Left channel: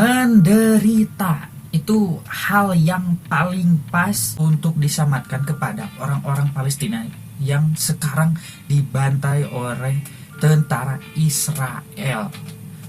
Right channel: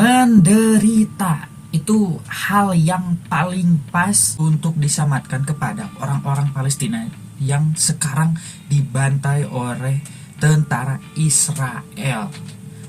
menderita itu hal yang paling pas untuk disamatkan kepada orang-orang Palestina yang sekarang dibantai oleh tentara Israel.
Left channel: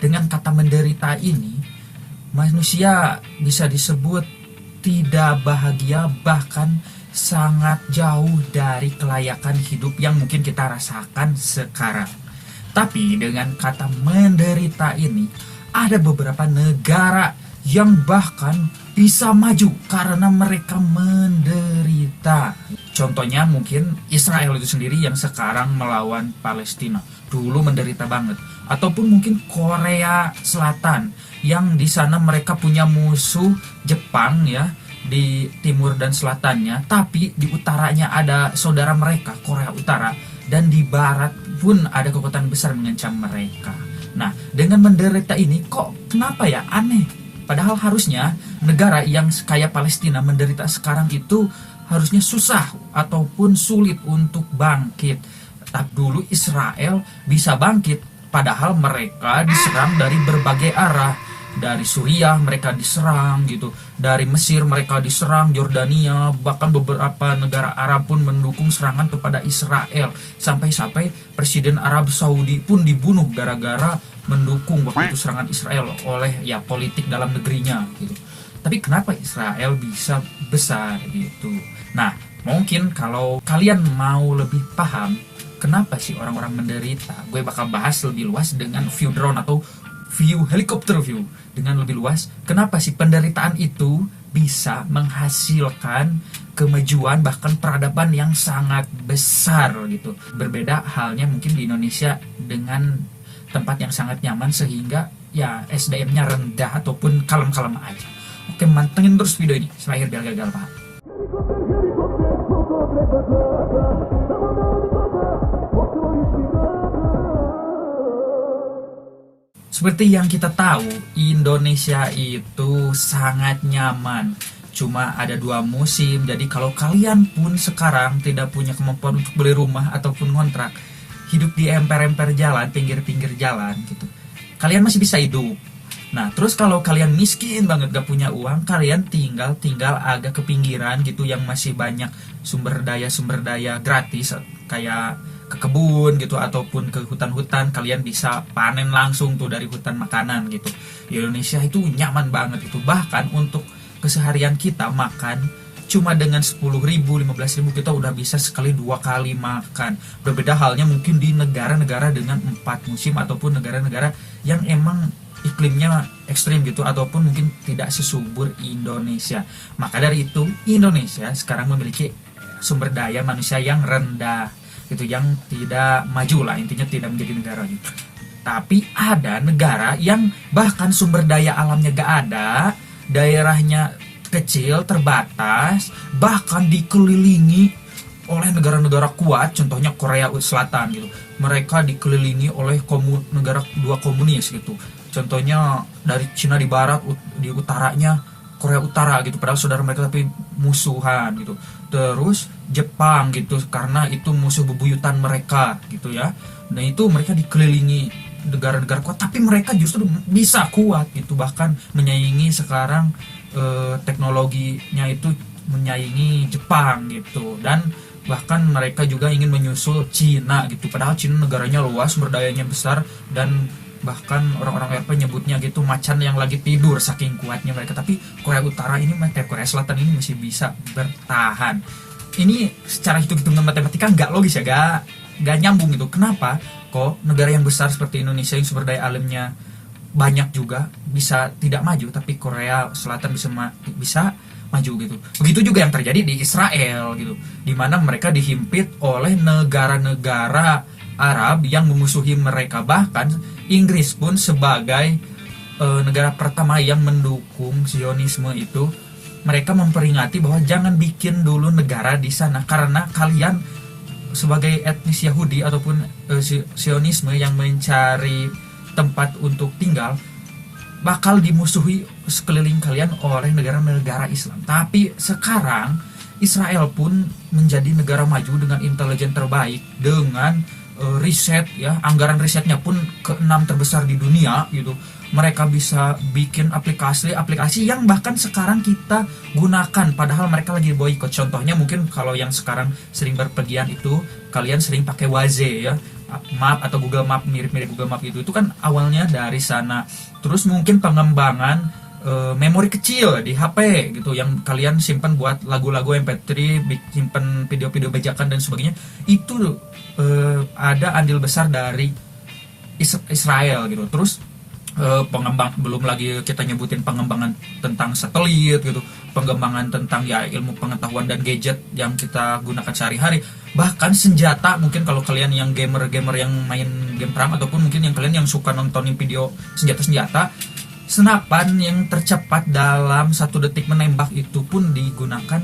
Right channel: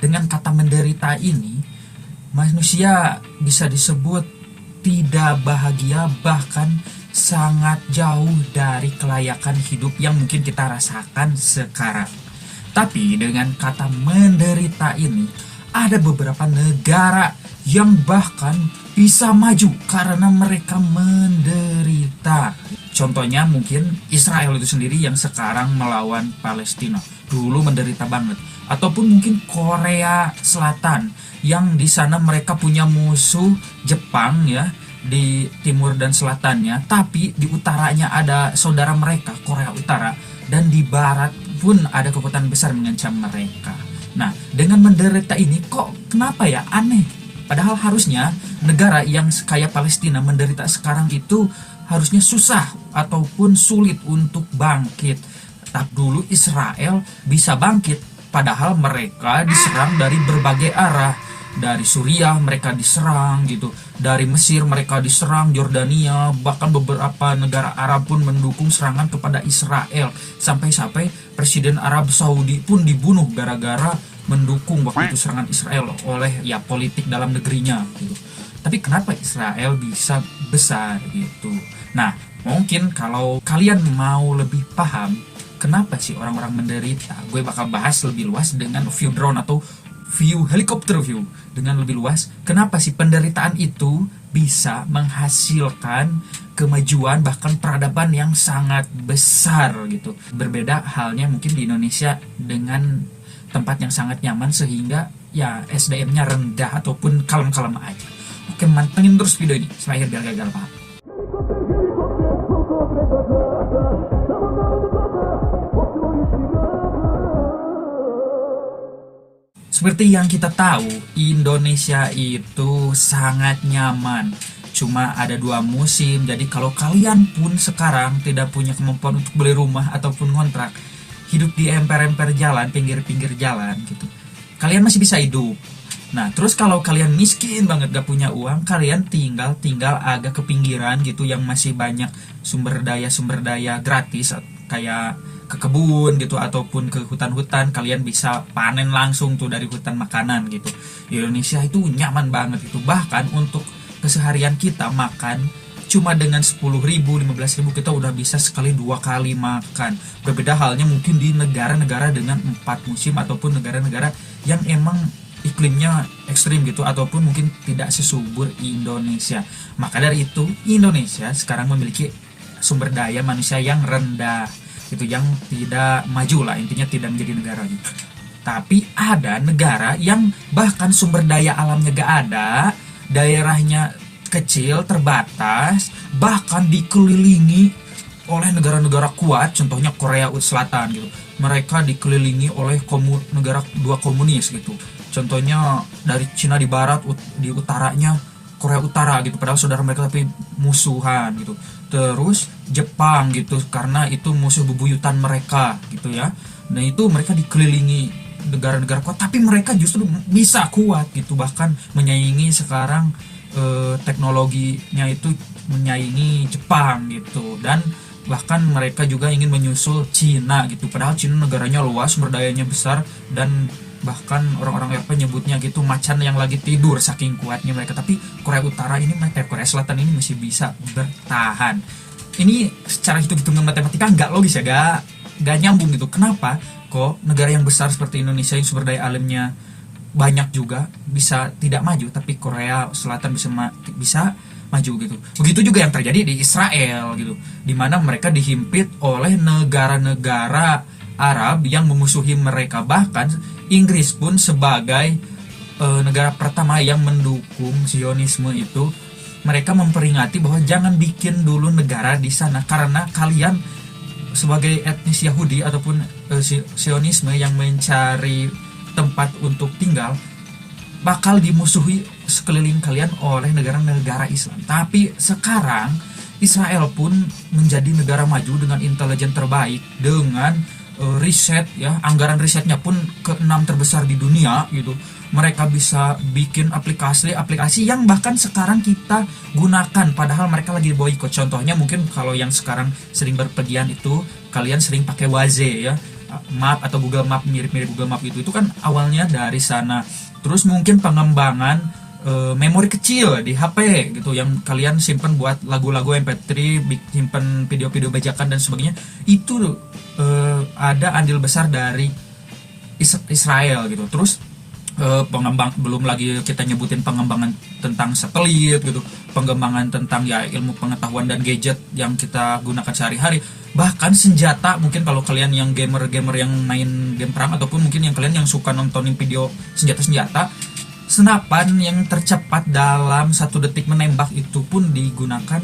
Dengan kata menderita ini, manusia bisa disebut tidak bahagia, bahkan sangat jauh dari kelayakan hidup yang mungkin kita rasakan sekarang. Tapi dengan kata menderita ini, ada beberapa negara yang bahkan bisa maju karena mereka menderita. Contohnya mungkin Israel itu sendiri yang sekarang melawan Palestina. Dulu menderita banget. Ataupun mungkin Korea Selatan yang di sana mereka punya musuh Jepang ya, di timur dan selatannya, tapi di utaranya ada saudara mereka Korea Utara, dan di barat pun ada kekuatan besar mengancam mereka. Nah, dengan menderita ini kok kenapa ya aneh? Padahal harusnya negara yang kayak Palestina menderita sekarang itu harusnya susah ataupun sulit untuk bangkit. Tapi dulu Israel bisa bangkit, padahal mereka diserang dari berbagai arah. Dari Suriah mereka diserang gitu, dari Mesir mereka diserang, Yordania, bahkan beberapa negara Arab pun mendukung serangan kepada Israel. Sampai-sampai Presiden Arab Saudi pun dibunuh gara-gara mendukung waktu itu serangan Israel oleh ya politik dalam negerinya gitu. Tapi kenapa Israel bisa besar gitu? Nah, mungkin kalau kalian mau lebih paham kenapa sih orang-orang menderita, gue bakal bahas lebih luas dengan view drone atau view helikopter view dengan lebih luas. Kenapa sih penderitaan itu bisa menghasilkan kemajuan bahkan peradaban yang sangat besar gitu. Berbeda halnya mungkin di Indonesia dengan tempat yang sangat nyaman sehingga ya SDM-nya rendah ataupun kalem-kalem aja. Oke, mantengin terus video ini supaya biar gagal paham. Seperti yang kita tahu, Indonesia itu sangat nyaman. Cuma ada 2 musim, jadi kalau kalian pun sekarang tidak punya kemampuan untuk beli rumah ataupun kontrak, hidup di emper-emper jalan, pinggir-pinggir jalan gitu, kalian masih bisa hidup. Nah, terus kalau kalian miskin banget gak punya uang, kalian tinggal agak ke pinggiran gitu yang masih banyak sumber daya gratis kayak ke kebun gitu ataupun ke hutan-hutan, kalian bisa panen langsung tuh dari hutan makanan gitu. Di Indonesia itu nyaman banget itu. Bahkan untuk keseharian kita makan cuma dengan 10.000, 15.000 kita udah bisa sekali 2 kali makan. Berbeda halnya mungkin di negara-negara dengan 4 musim ataupun negara-negara yang emang iklimnya ekstrim gitu ataupun mungkin tidak sesubur Indonesia. Maka dari itu Indonesia sekarang memiliki sumber daya manusia yang rendah gitu, yang tidak maju lah, intinya tidak menjadi negara gitu. Tapi ada negara yang bahkan sumber daya alamnya gak ada, daerahnya kecil, terbatas, bahkan dikelilingi oleh negara-negara kuat, contohnya Korea Selatan gitu. Mereka dikelilingi oleh negara 2 komunis gitu. Contohnya dari Cina di barat, di utaranya Korea Utara gitu, padahal saudara mereka tapi musuhan gitu. Terus Jepang gitu, karena itu musuh bebuyutan mereka gitu ya. Nah itu mereka dikelilingi negara-negara kuat, tapi mereka justru bisa kuat gitu, bahkan menyaingi sekarang teknologinya itu menyaingi Jepang gitu, dan bahkan mereka juga ingin menyusul Cina gitu, padahal Cina negaranya luas, sumber dayanya besar, dan bahkan orang-orang Eropa nyebutnya gitu macan yang lagi tidur saking kuatnya mereka. Tapi Korea Utara ini, Korea Selatan ini masih bisa bertahan. Ini secara hitung-hitungan matematika nggak logis ya, nggak nyambung gitu. Kenapa kok negara yang besar seperti Indonesia yang sumber daya alamnya banyak juga bisa tidak maju, tapi Korea Selatan bisa maju gitu. Begitu juga yang terjadi di Israel gitu, dimana mereka dihimpit oleh negara-negara Arab yang memusuhi mereka. Bahkan Inggris pun sebagai negara pertama yang mendukung Zionisme itu, mereka memperingati bahwa jangan bikin dulu negara di sana karena kalian sebagai etnis Yahudi ataupun Zionisme yang mencari tempat untuk tinggal bakal dimusuhi sekeliling kalian oleh negara-negara Islam. Tapi sekarang Israel pun menjadi negara maju dengan intelijen terbaik, dengan riset ya, anggaran risetnya pun keenam terbesar di dunia gitu. Mereka bisa bikin aplikasi yang bahkan sekarang kita gunakan padahal mereka lagi boykot. Contohnya mungkin kalau yang sekarang sering berpergian itu kalian sering pakai Waze ya, Map atau Google Map, mirip-mirip Google Map itu kan awalnya dari sana. Terus mungkin pengembangan memori kecil di HP gitu yang kalian simpen buat lagu-lagu MP3, simpen video-video bajakan dan sebagainya, itu ada andil besar dari Israel gitu. Terus pengembang, belum lagi kita nyebutin pengembangan tentang satelit gitu, pengembangan tentang ya ilmu pengetahuan dan gadget yang kita gunakan sehari-hari, bahkan senjata. Mungkin kalau kalian yang gamer yang main game perang ataupun mungkin yang kalian yang suka nontonin video senjata-senjata, senapan yang tercepat dalam 1 detik menembak itu pun digunakan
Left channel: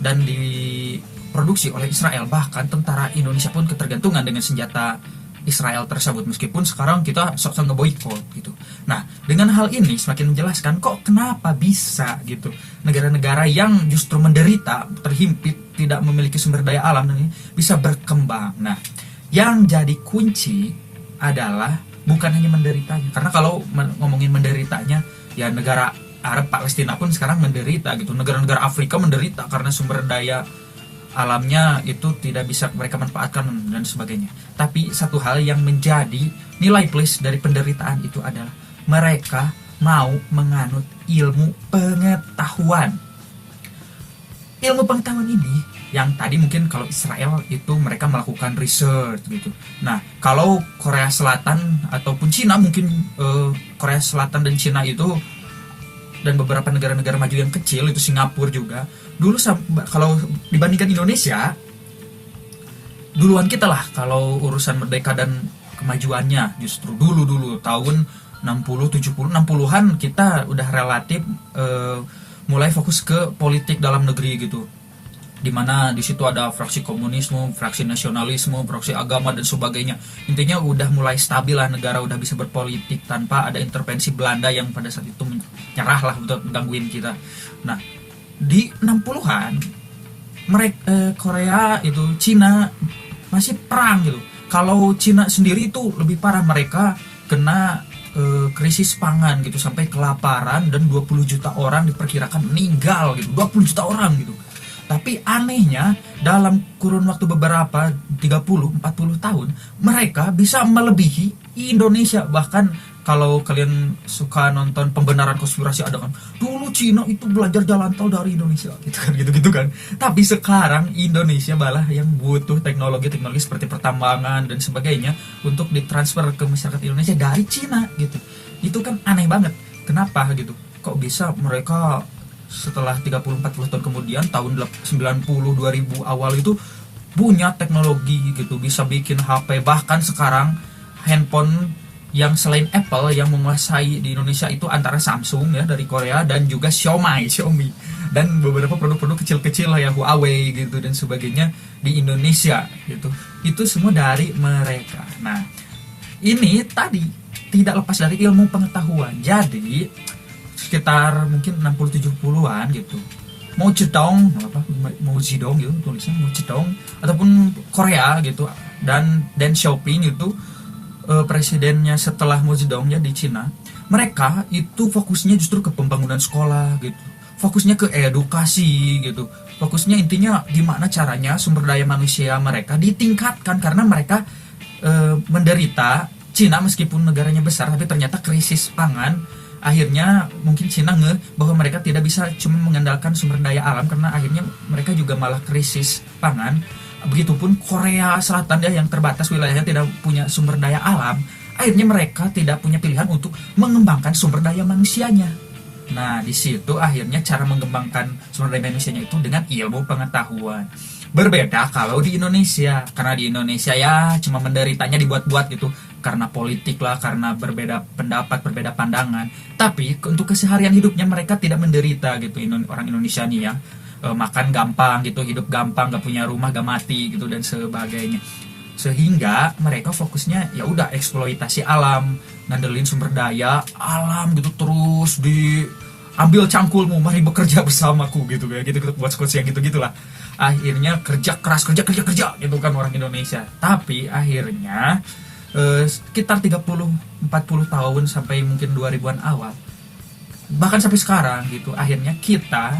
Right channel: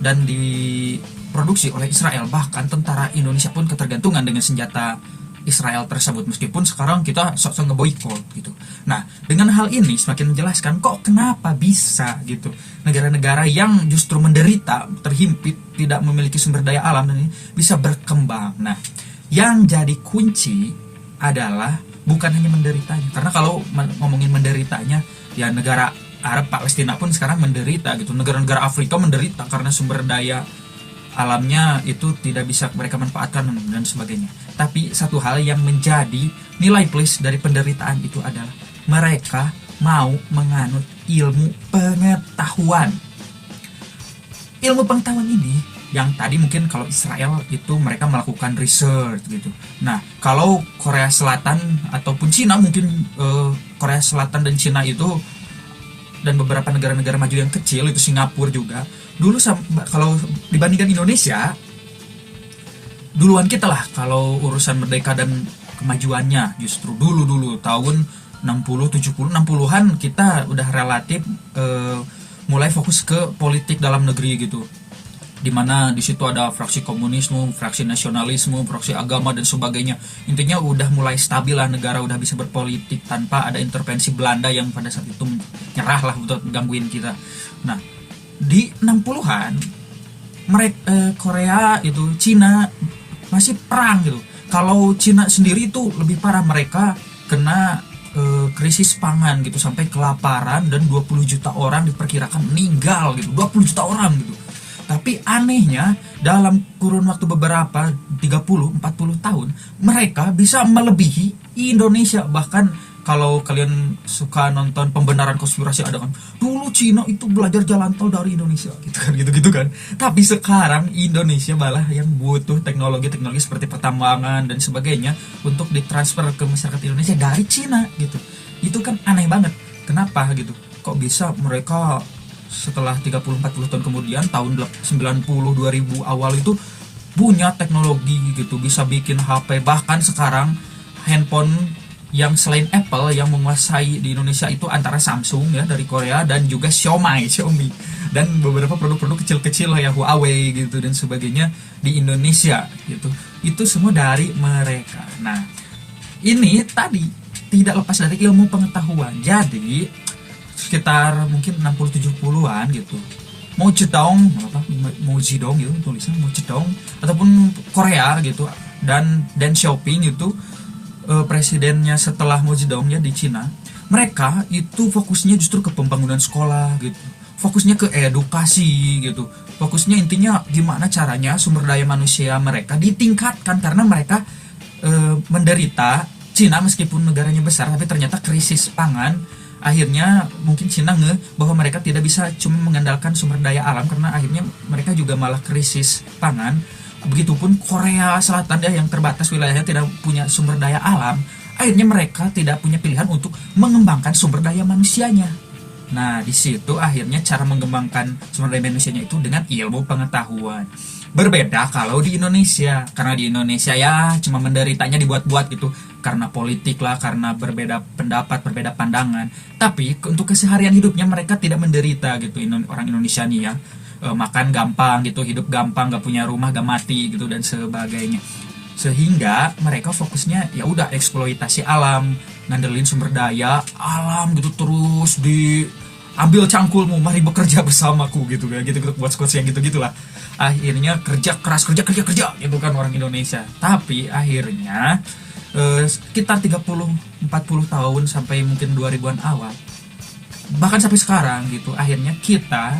dan diproduksi oleh Israel. Bahkan tentara Indonesia pun ketergantungan dengan senjata Israel tersebut, meskipun sekarang kita sok-sok ngeboikot gitu. Nah, dengan hal ini semakin menjelaskan kok kenapa bisa gitu negara-negara yang justru menderita, terhimpit, tidak memiliki sumber daya alam dan ini bisa berkembang. Nah, yang jadi kunci adalah bukan hanya menderita, karena kalau ngomongin menderitanya ya negara Arab, Palestina pun sekarang menderita gitu, negara-negara Afrika menderita karena sumber daya alamnya itu tidak bisa mereka manfaatkan dan sebagainya. Tapi satu hal yang menjadi nilai plus dari penderitaan itu adalah mereka mau menganut ilmu pengetahuan. Ilmu pengetahuan ini yang tadi mungkin kalau Israel itu mereka melakukan research gitu. Nah, kalau Korea Selatan ataupun Cina mungkin Korea Selatan dan Cina itu dan beberapa negara-negara maju yang kecil itu Singapura juga dulu kalau dibandingkan Indonesia duluan kita lah kalau urusan merdeka dan kemajuannya. Justru dulu tahun 60, 70, 60-an kita udah relatif mulai fokus ke politik dalam negeri gitu, dimana di situ ada fraksi komunisme, fraksi nasionalisme, fraksi agama dan sebagainya. Intinya udah mulai stabil lah, negara udah bisa berpolitik tanpa ada intervensi Belanda yang pada saat itu nyerah lah untuk menggangguin kita. Nah, di 60-an mereka Korea itu, Cina masih perang gitu. Kalau Cina sendiri itu lebih parah, mereka kena krisis pangan gitu, sampai kelaparan dan 20 juta orang diperkirakan meninggal gitu, 20 juta orang gitu. Tapi anehnya dalam kurun waktu beberapa 30-40 tahun mereka bisa melebihi Indonesia. Bahkan kalau kalian suka nonton pembenaran konspirasi, ada kan dulu Cina itu belajar jalan tol dari Indonesia gitu kan. Tapi sekarang Indonesia malah yang butuh teknologi seperti pertambangan dan sebagainya untuk ditransfer ke masyarakat Indonesia dari Cina gitu. Itu kan aneh banget. Kenapa gitu? Kok bisa mereka setelah 30-40 tahun kemudian, tahun 90 2000 awal itu punya teknologi gitu, bisa bikin HP. Bahkan sekarang handphone yang selain Apple yang menguasai di Indonesia itu antara Samsung ya dari Korea dan juga Xiaomi dan beberapa produk-produk kecil-kecil ya Huawei gitu dan sebagainya di Indonesia gitu. Itu semua dari mereka. Nah, ini tadi tidak lepas dari ilmu pengetahuan. Jadi sekitar mungkin 60-70-an gitu, Mao Zedong gitu tulisan Mao Zedong ataupun Korea gitu, dan Deng Xiaoping itu presidennya setelah Mao Zedong ya di Cina. Mereka itu fokusnya justru ke pembangunan sekolah gitu, fokusnya ke edukasi gitu, fokusnya intinya gimana caranya sumber daya manusia mereka ditingkatkan, karena mereka menderita. Cina meskipun negaranya besar tapi ternyata krisis pangan. Akhirnya mungkin Cina bahwa mereka tidak bisa cuma mengandalkan sumber daya alam, karena akhirnya mereka juga malah krisis pangan. Begitupun Korea Selatan ya, yang terbatas wilayahnya tidak punya sumber daya alam. Akhirnya mereka tidak punya pilihan untuk mengembangkan sumber daya manusianya. Nah, di situ akhirnya cara mengembangkan sumber daya manusianya itu dengan ilmu pengetahuan. Berbeda kalau di Indonesia, karena di Indonesia ya cuma menderitanya dibuat-buat gitu, karena politik lah, karena berbeda pendapat, berbeda pandangan. Tapi untuk keseharian hidupnya mereka tidak menderita gitu. Orang Indonesia nih yang makan gampang gitu, hidup gampang, gak punya rumah, gak mati gitu dan sebagainya. Sehingga mereka fokusnya ya udah eksploitasi alam, ngandelin sumber daya alam gitu, terus ambil cangkulmu, mari bekerja bersamaku gitu kayak gitu, gitu buat quotes yang gitu gitulah. Akhirnya kerja keras, kerja kerja kerja, yang bukan orang Indonesia. Tapi akhirnya sekitar 30-40 tahun sampai mungkin 2000-an awal, bahkan sampai sekarang gitu, akhirnya kita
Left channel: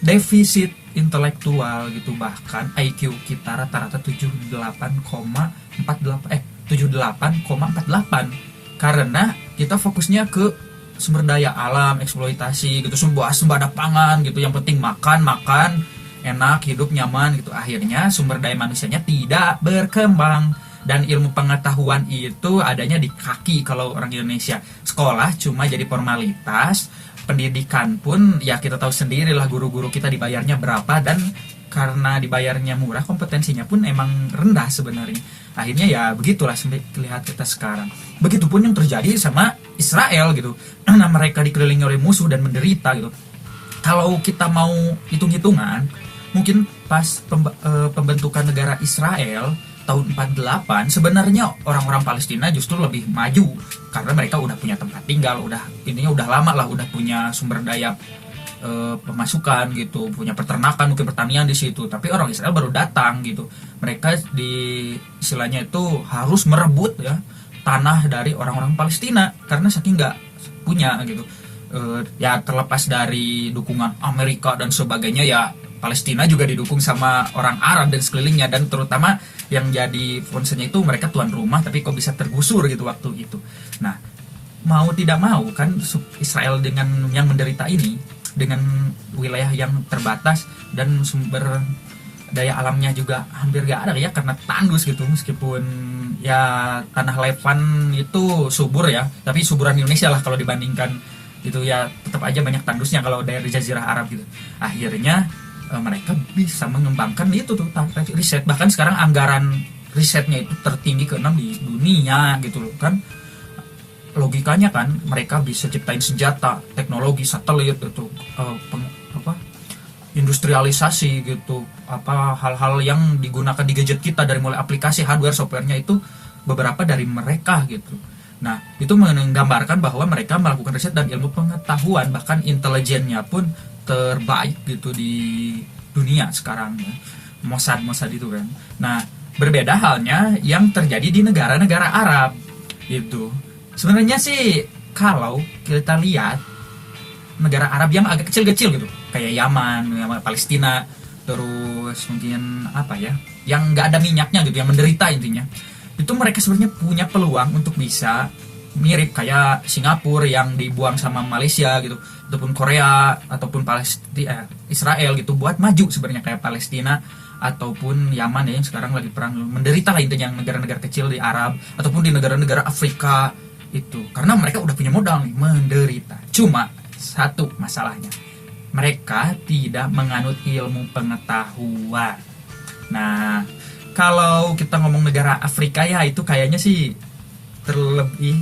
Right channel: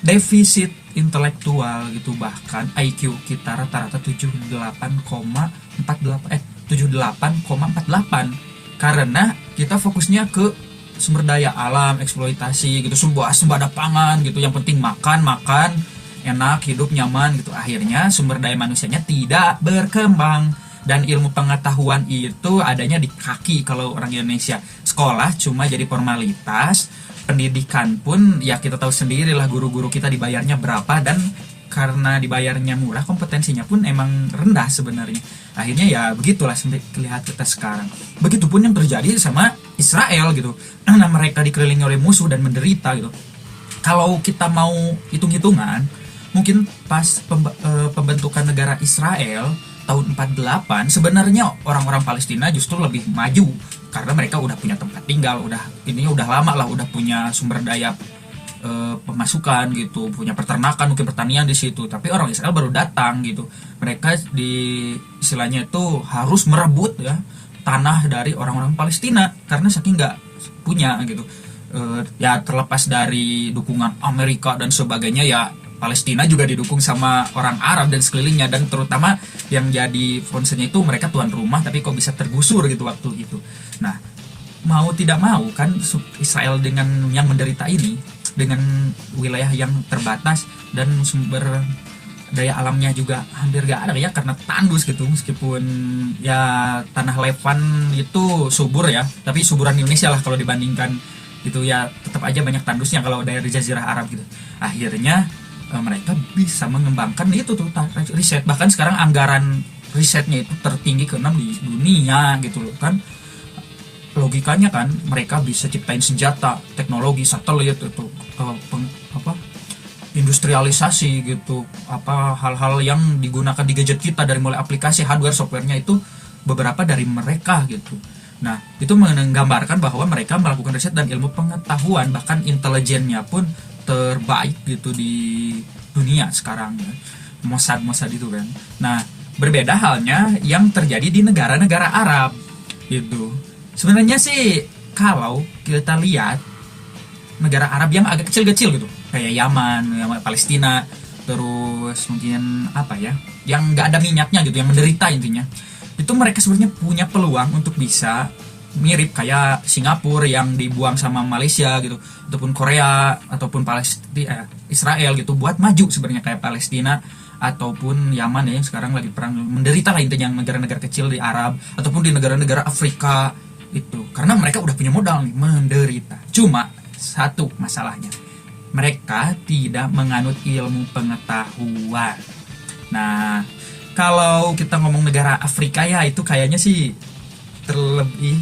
defisit intelektual gitu, bahkan IQ kita rata-rata 78,48 karena kita fokusnya ke sumber daya alam, eksploitasi gitu, sembada pangan gitu, yang penting makan makan enak, hidup nyaman gitu. Akhirnya sumber daya manusianya tidak berkembang, dan ilmu pengetahuan itu adanya di kaki. Kalau orang Indonesia, sekolah cuma jadi formalitas, pendidikan pun ya kita tahu sendiri lah, guru-guru kita dibayarnya berapa, dan karena dibayarnya murah, kompetensinya pun emang rendah sebenarnya. Akhirnya ya begitulah sampai terlihat kita sekarang. Begitupun yang terjadi sama Israel gitu, karena mereka dikelilingi oleh musuh dan menderita gitu. Kalau kita mau hitung-hitungan, mungkin pas pembentukan negara Israel tahun 48, sebenarnya orang-orang Palestina justru lebih maju karena mereka udah punya tempat tinggal, udah lama lah, udah punya sumber daya pemasukan gitu, punya peternakan, mungkin pertanian di situ. Tapi orang Israel baru datang gitu, mereka di istilahnya itu harus merebut ya tanah dari orang-orang Palestina karena saking nggak punya gitu. Ya terlepas dari dukungan Amerika dan sebagainya, ya Palestina juga didukung sama orang Arab dan sekelilingnya, dan terutama yang jadi concernnya itu mereka tuan rumah, tapi kok bisa tergusur gitu waktu itu. Nah, mau tidak mau kan Israel dengan yang menderita ini, dengan wilayah yang terbatas dan sumber daya alamnya juga hampir gak ada ya, karena tandus gitu. Meskipun ya tanah Levan itu subur ya, tapi suburan Indonesia lah kalau dibandingkan itu, ya tetap aja banyak tandusnya kalau dari Jazirah Arab gitu. Akhirnya mereka bisa mengembangkan itu tuh riset, bahkan sekarang anggaran risetnya itu tertinggi ke-6 di dunia gitu loh kan. Logikanya kan mereka bisa ciptain senjata, teknologi satelit itu, industrialisasi gitu, hal-hal yang digunakan di gadget kita, dari mulai aplikasi, hardware, softwarenya itu beberapa dari mereka gitu. Nah, itu menggambarkan bahwa mereka melakukan riset dan ilmu pengetahuan, bahkan intelijennya pun terbaik gitu di dunia sekarang, Mossad itu kan. Nah, berbeda halnya yang terjadi di negara-negara Arab itu. Sebenarnya sih kalau kita lihat negara Arab yang agak kecil-kecil gitu, kayak Yaman, Palestina, terus mungkin yang nggak ada minyaknya gitu, yang menderita intinya, itu mereka sebenarnya punya peluang untuk bisa mirip kayak Singapura yang dibuang sama Malaysia gitu, ataupun Korea, ataupun Israel gitu, buat maju sebenarnya kayak Palestina ataupun Yaman ya, yang sekarang lagi perang menderita lah intinya, yang negara-negara kecil di Arab ataupun di negara-negara Afrika itu, karena mereka udah punya modal nih menderita. Cuma satu masalahnya, mereka tidak menganut ilmu pengetahuan. Nah, kalau kita ngomong negara Afrika ya itu kayaknya sih terlebih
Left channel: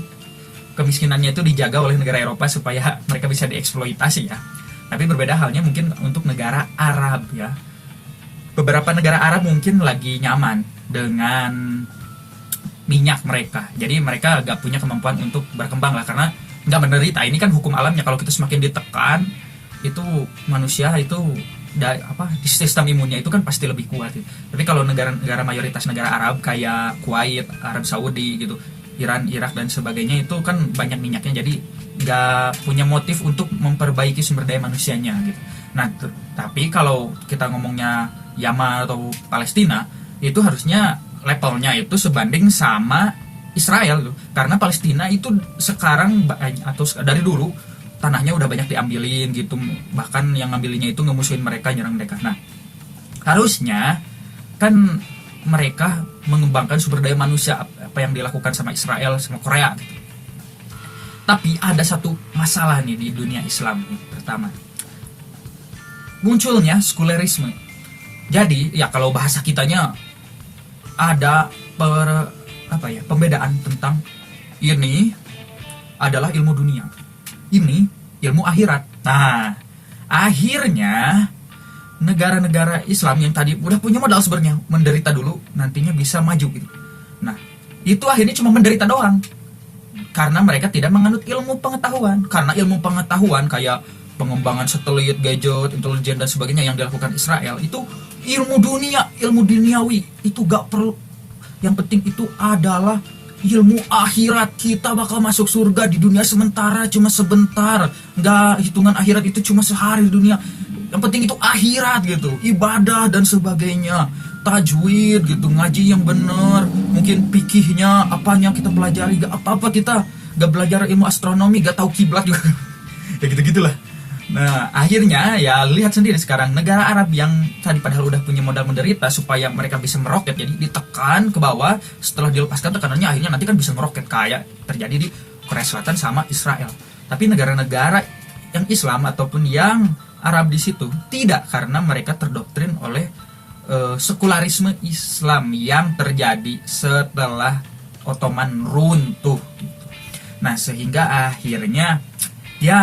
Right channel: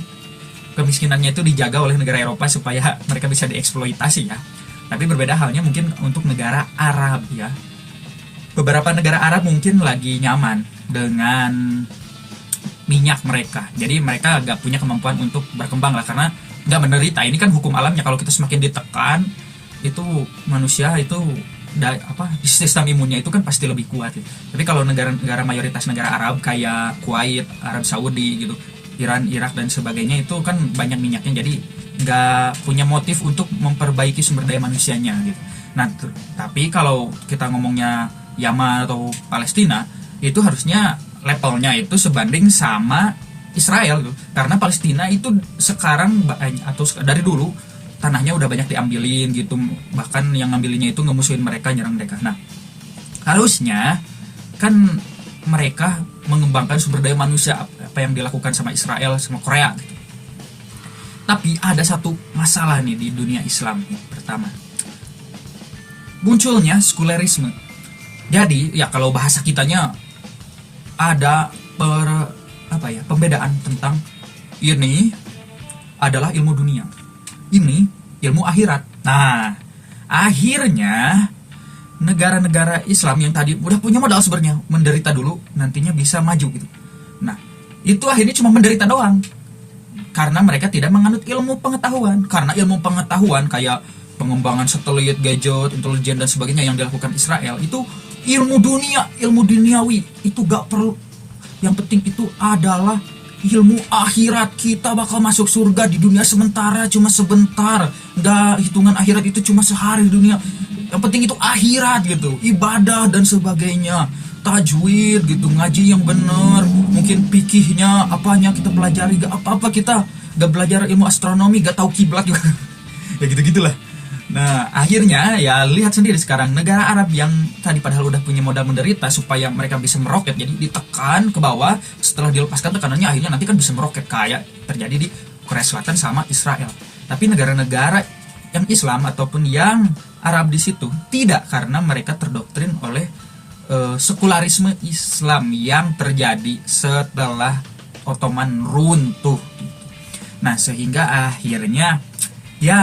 kemiskinannya itu dijaga oleh negara Eropa supaya mereka bisa dieksploitasi ya. Tapi berbeda halnya mungkin untuk negara Arab ya. Beberapa negara Arab mungkin lagi nyaman dengan minyak mereka, jadi mereka gak punya kemampuan untuk berkembang lah, karena gak menderita. Ini kan hukum alamnya, kalau kita semakin ditekan itu manusia itu sistem imunnya itu kan pasti lebih kuat gitu. Tapi kalau negara-negara mayoritas negara Arab kayak Kuwait, Arab Saudi gitu, Iran, Irak dan sebagainya, itu kan banyak minyaknya, jadi nggak punya motif untuk memperbaiki sumber daya manusianya gitu. Nah, tapi kalau kita ngomongnya Yaman atau Palestina, itu harusnya levelnya itu sebanding sama Israel gitu. Karena Palestina itu sekarang atau dari dulu tanahnya udah banyak diambilin gitu, bahkan yang ngambilinnya itu ngemusuhin mereka, nyerang mereka. Nah, harusnya kan mereka mengembangkan sumber daya manusia, apa yang dilakukan sama Israel sama Korea gitu. Tapi ada satu masalah nih di dunia Islam nih. Pertama, munculnya sekulerisme. Jadi ya kalau bahasa kitanya ada pembedaan tentang ini adalah ilmu dunia, ini ilmu akhirat. Nah, akhirnya negara-negara Islam yang tadi udah punya modal sebenarnya, menderita dulu, nantinya bisa maju gitu. Nah, itu akhirnya cuma menderita doang, karena mereka tidak menganut ilmu pengetahuan. Karena ilmu pengetahuan kayak pengembangan satelit, gadget, intelijen dan sebagainya yang dilakukan Israel itu ilmu dunia, ilmu duniawi itu gak perlu. Yang penting itu adalah ilmu akhirat. Kita bakal masuk surga di dunia sementara cuma sebentar, nggak hitungan akhirat itu cuma sehari di dunia. Yang penting itu akhirat gitu, ibadah dan sebagainya, tajwid gitu, ngaji yang benar, mungkin fikihnya apanya kita pelajari, gak apa-apa kita gak belajar ilmu astronomi, gak tahu kiblat juga ya gitu-gitulah. Nah akhirnya ya lihat sendiri sekarang negara Arab yang tadi padahal udah punya modal menderita supaya mereka bisa meroket, jadi ditekan ke bawah, setelah dilepaskan tekanannya akhirnya nanti kan bisa meroket kayak terjadi di Korea Selatan sama Israel. Tapi negara-negara yang Islam ataupun yang Arab di situ tidak, karena mereka terdoktrin oleh sekularisme Islam yang terjadi setelah Ottoman runtuh. Nah sehingga akhirnya ya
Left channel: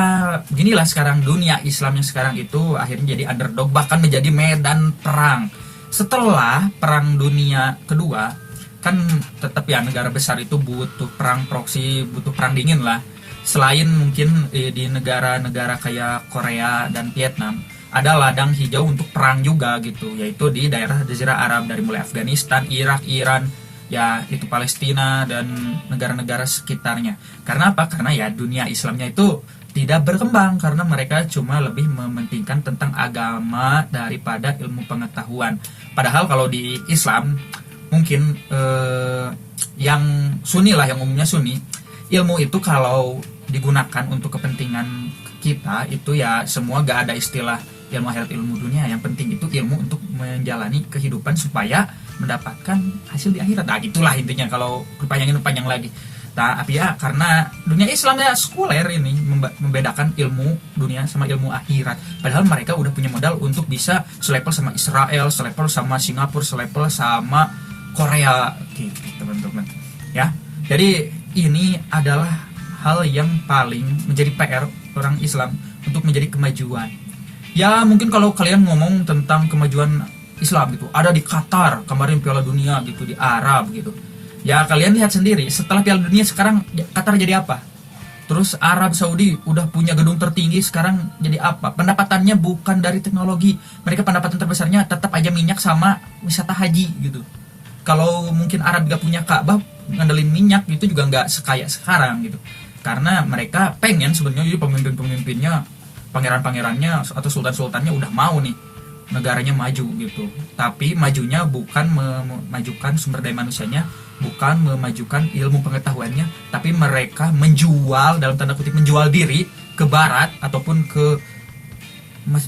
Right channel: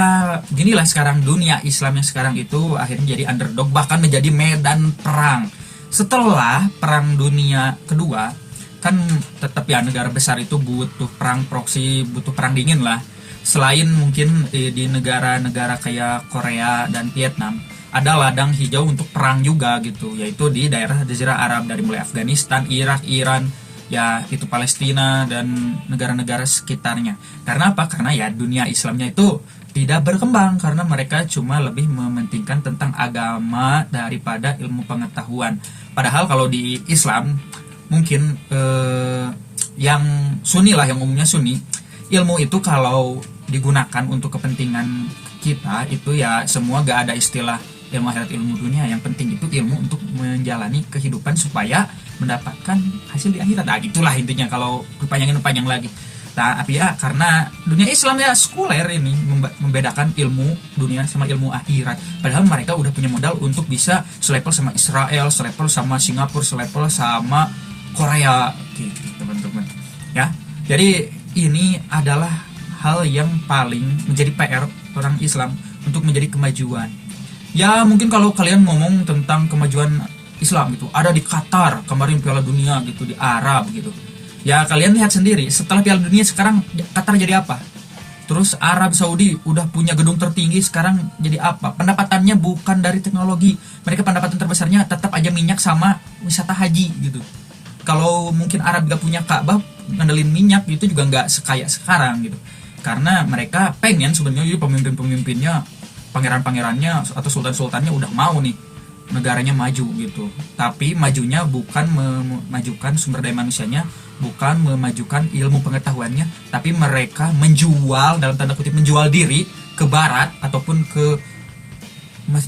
beginilah sekarang dunia Islam yang sekarang itu akhirnya jadi underdog, bahkan menjadi medan perang. Setelah perang dunia kedua kan tetap ya negara besar itu butuh perang proksi, butuh perang dingin lah. Selain mungkin di negara-negara kayak Korea dan Vietnam ada ladang hijau untuk perang juga gitu, yaitu di daerah Jazirah Arab dari mulai Afghanistan, Irak, Iran, ya itu Palestina dan negara-negara sekitarnya. Karena apa? Karena ya dunia Islamnya itu tidak berkembang karena mereka cuma lebih mementingkan tentang agama daripada ilmu pengetahuan. Padahal kalau di Islam mungkin yang Sunni lah, yang umumnya Sunni, ilmu itu kalau digunakan untuk kepentingan kita itu ya semua gak ada istilah ilmu akhirat, ilmu dunia. Yang penting itu ilmu untuk menjalani kehidupan supaya mendapatkan hasil di akhirat. Nah gitulah intinya kalau panjang lagi. Nah ya karena dunia Islam ya sekuler ini membedakan ilmu dunia sama ilmu akhirat. Padahal mereka udah punya modal untuk bisa selevel sama Israel, selevel sama Singapura, selevel sama Korea gitu teman-teman ya. Jadi ini adalah hal yang paling menjadi PR orang Islam untuk menjadi kemajuan. Ya mungkin kalau kalian ngomong tentang kemajuan Islam gitu, ada di Qatar kemarin Piala Dunia gitu, di Arab gitu. Ya kalian lihat sendiri setelah Piala Dunia sekarang Qatar jadi apa? Terus Arab Saudi udah punya gedung tertinggi, sekarang jadi apa? Pendapatannya bukan dari teknologi, mereka pendapatan terbesarnya tetap aja minyak sama wisata haji gitu. Kalau mungkin Arab gak punya Ka'bah, ngandelin minyak gitu juga nggak sekaya sekarang gitu. Karena mereka pengen sebenarnya jadi pemimpin-pemimpinnya, pangeran-pangerannya atau sultan-sultannya udah mau nih negaranya maju gitu. Tapi majunya bukan memajukan sumber daya manusianya, bukan memajukan ilmu pengetahuannya, tapi mereka menjual, dalam tanda kutip menjual diri ke barat ataupun ke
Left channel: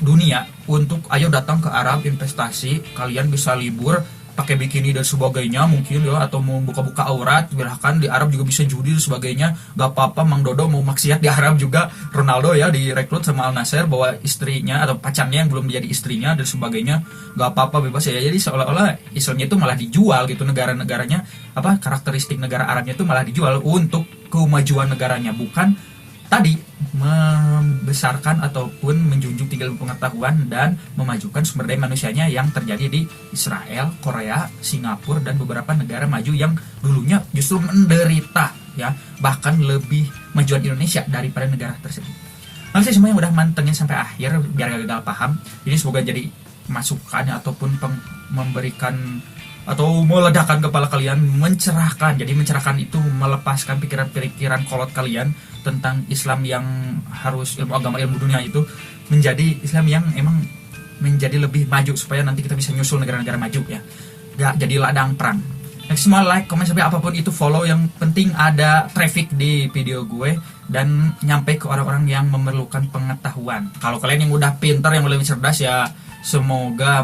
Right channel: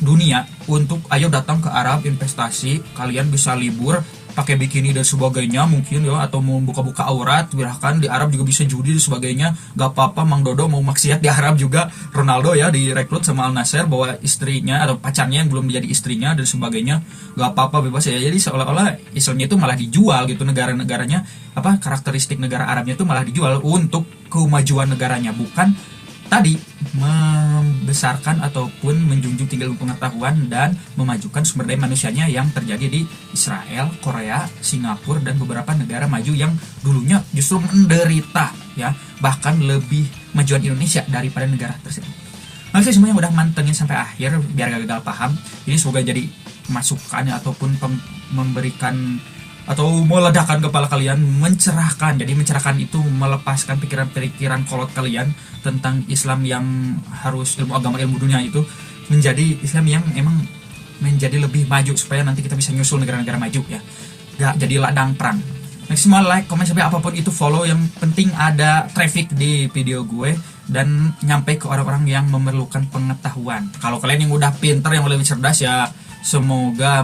dunia untuk ayo datang ke Arab investasi, kalian bisa libur pakai bikini dan sebagainya mungkin ya, atau mau buka-buka aurat, bahkan di Arab juga bisa judi dan sebagainya. Gak apa-apa Mang Dodo mau maksiat di Arab juga. Ronaldo ya direkrut sama Al Nassr bawa istrinya atau pacarnya yang belum jadi istrinya dan sebagainya, gak apa-apa, bebas ya. Jadi seolah-olah Islamnya itu malah dijual gitu, negara-negaranya apa, karakteristik negara Arabnya itu malah dijual untuk kemajuan negaranya, bukan tadi membesarkan ataupun menjunjung tinggi ilmu pengetahuan dan memajukan sumber daya manusianya yang terjadi di Israel, Korea, Singapura dan beberapa negara maju yang dulunya justru menderita ya, bahkan lebih majuan Indonesia daripada negara tersebut. Oke, semuanya udah mantengin sampai akhir biar gak gagal paham. Ini semoga jadi masukan ataupun memberikan atau meledakkan kepala kalian, mencerahkan. Jadi mencerahkan itu melepaskan pikiran-pikiran kolot kalian tentang Islam yang harus ilmu agama, ilmu dunia itu menjadi Islam yang emang menjadi lebih maju supaya nanti kita bisa nyusul negara-negara maju ya, gak jadi ladang perang. Semua like, komen, sampai apapun itu follow, yang penting ada traffic di video gue dan nyampe ke orang-orang yang memerlukan pengetahuan. Kalau kalian yang udah pintar, yang lebih cerdas ya semoga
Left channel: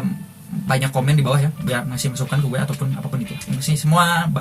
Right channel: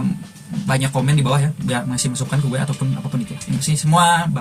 banyak komen di bawah ya biar ngasih masukan ke gue ataupun apapun itu. Terima kasih semua.